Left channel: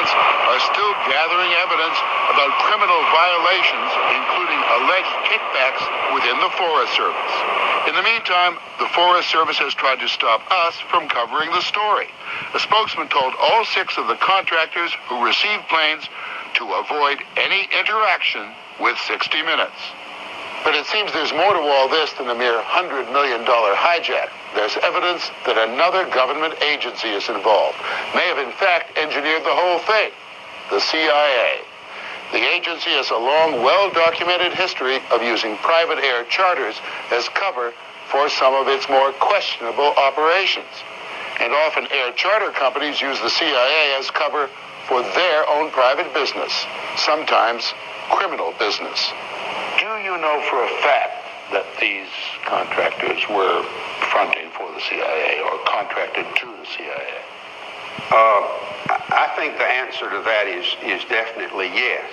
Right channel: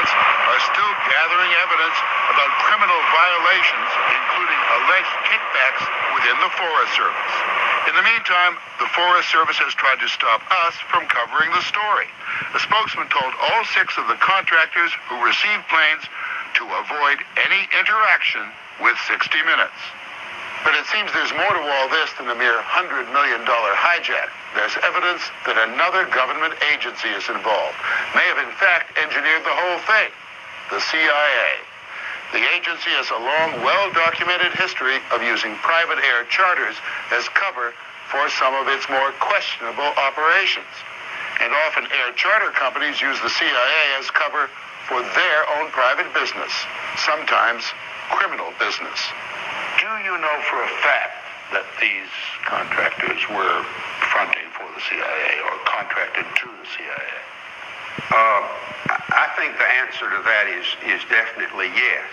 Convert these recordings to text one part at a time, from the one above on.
departments are still gathering evidence about criminal violations, including alleged kickbacks within the Forest Service. In the meantime, the Forest Service has tried to stop us from covering the story. A spokesman told all 6 of the contractors who received planes to avoid any interaction with 60 Minutes. But it seems there's more to all this than a mere $100 million hijack. There's evidence that another government agency is involved, may have in fact engineered the whole thing, the CIA. The agency has a long, well-documented history of using private air charters as cover for some of its more questionable operations. And often air charter companies use the CIA as cover for their own private business, sometimes criminal business. Do you know for a fact that these contractors were fronting for the CIA or contracted to the CIA? I think the answer to that is definitely yes.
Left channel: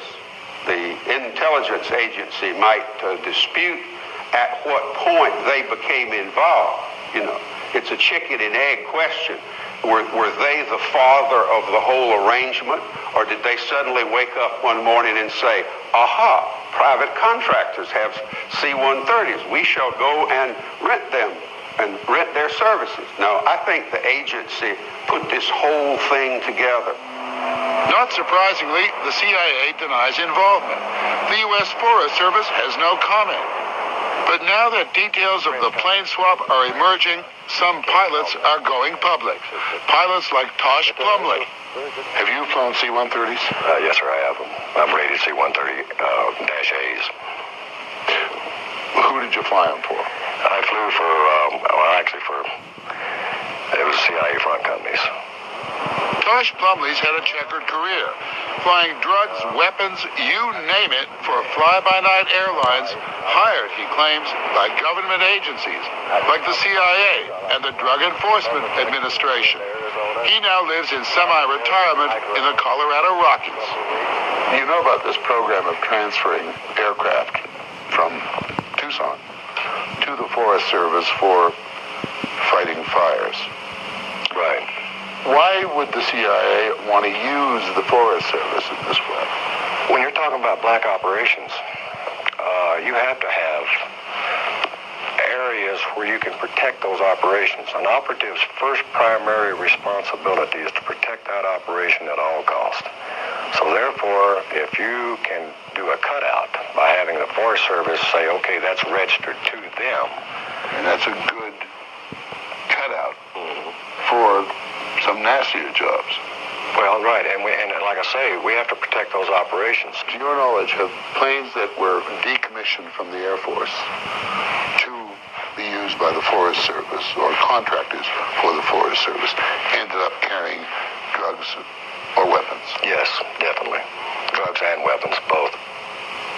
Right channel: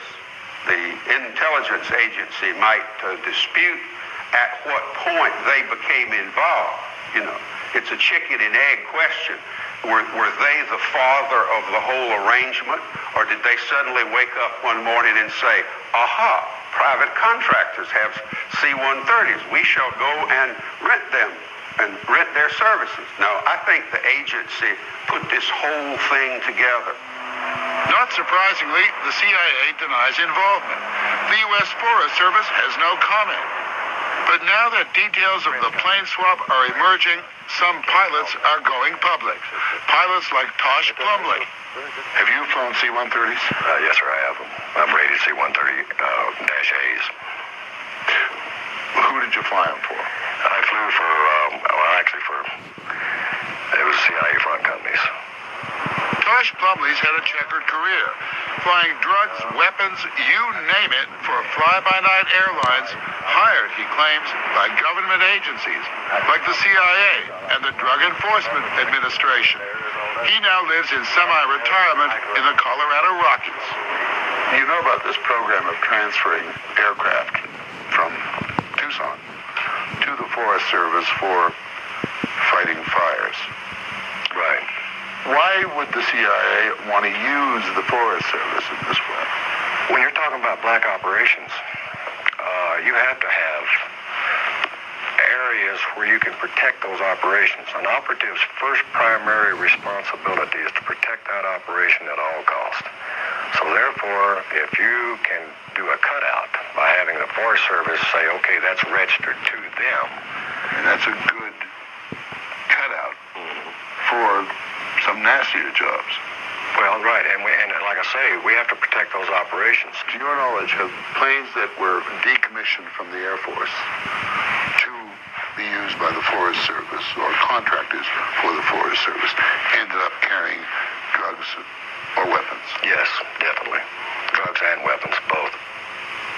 The intelligence agency might dispute at what point they became involved. You know, it's a chicken and egg question. Were they the father of the whole arrangement, or did they suddenly wake up one morning and say, aha, private contractors have C-130s. We shall go and rent them and rent their services. No, I think the agency put this whole thing together. Not surprisingly, the CIA denies involvement. The U.S. Forest Service has no comment. But now that details of the plane swap are emerging, some pilots are going public. Pilots like Tosh Plumley. Have you flown C-130s? Yes, sir, I have them. I'm rated C-130-A's. Who did you fly them for? I flew for, it was CIA front companies. Tosh Plumley's had a checkered career, flying drugs, weapons, you name it, for fly-by-night airlines, hired, he claims, by government agencies, like the CIA and the Drug Enforcement Administration. He now lives in semi-retirement in the Colorado Rockies. You know about this program of transferring aircraft from Tucson to the Forest Service for fighting fires. Right. Why would the CIA want to use the Forest Service in this way? When you're talking about black operations, you have to have areas where you can protect those operations. An operative's first primary responsibility is to protect that operation at all costs. So therefore, if you can do a cutout by having the Forest Service say, okay, that's registered to them. And that's a good cutout for some nastier jobs. Well, right, and like I say, we have to protect those operations. To your knowledge, have planes that were decommissioned from the Air Force to be used by the Forest Service or contractors for the Forest Service ended up carrying drugs or weapons? Yes, definitely. Drugs and weapons, both.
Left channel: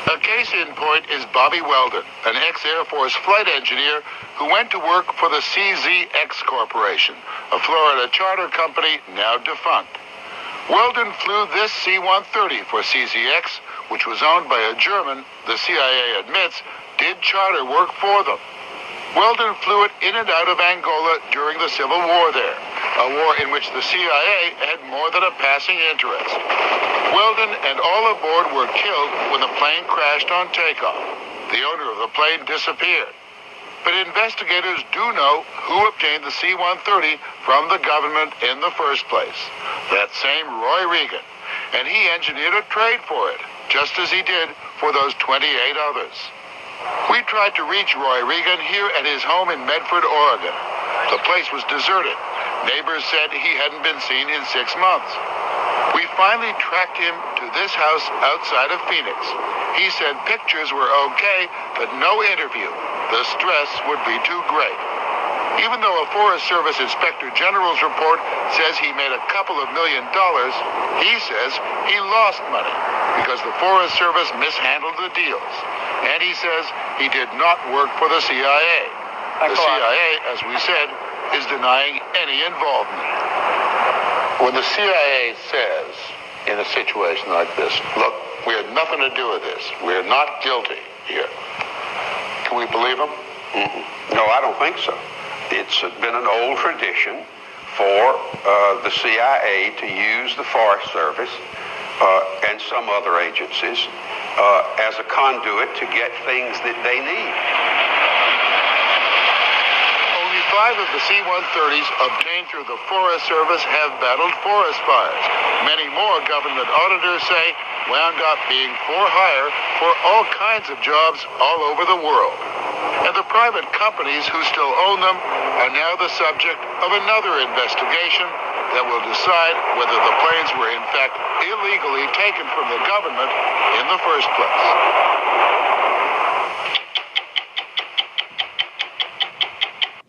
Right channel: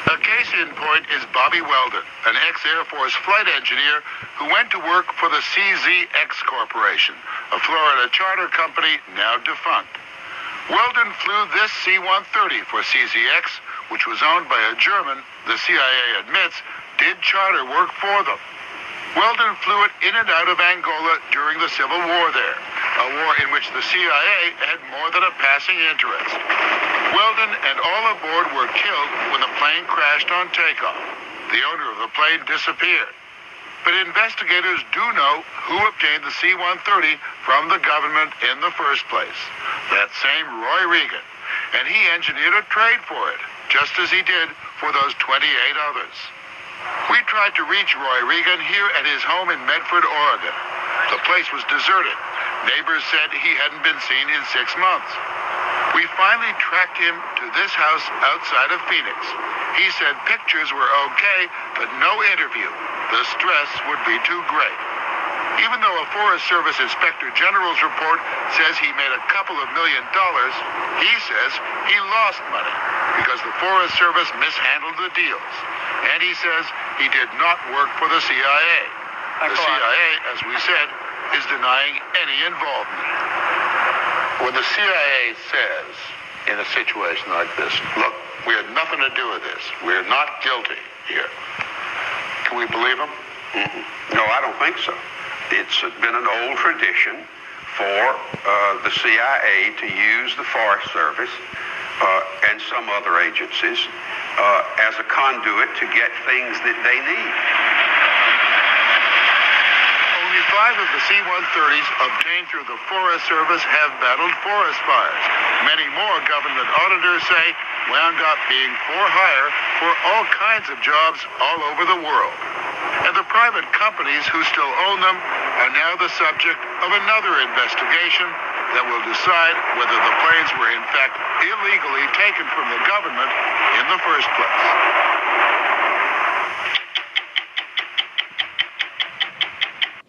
A case in point is Bobby Weldon, an ex-Air Force flight engineer who went to work for the CZX Corporation, a Florida charter company now defunct. Weldon flew this C-130 for CZX, which was owned by a German the CIA admits did charter work for them. Weldon flew it in and out of Angola during the Civil War there, a war in which the CIA had more than a passing interest. Weldon and all aboard were killed when the plane crashed on takeoff. The owner of the plane disappeared. But investigators do know who obtained the C-130 from the government in the first place. That same Roy Regan. And he engineered a trade for it, just as he did for those 28 others. We tried to reach Roy Regan here at his home in Medford, Oregon. The place was deserted. Neighbors said he hadn't been seen in 6 months. We finally tracked him to this house outside of Phoenix. He said pictures were okay, but no interview. The stress would be too great. Even though a Forest Service Inspector General's report says he made a couple of $1 million, he says he lost money because the Forest Service mishandled the deals. And he says he did not work for the CIA. The CIA, as we said, is denying any involvement. When the CIA says in a situation like this, look, we had nothing to do with this. We're not guilty here. Can we believe them? No, I don't think so. It's been an old tradition for the CIA to use the Forest Service and some other agencies as a conduit to get things that they need. Only 5 of the C-130s obtained through the Forest Service have battled forest fires. Many more, government auditors say, wound up being for hire for all kinds of jobs all over the world. And the private companies who still own them are now the subject of another investigation that will decide whether the planes were in fact illegally taken from the government in the first place.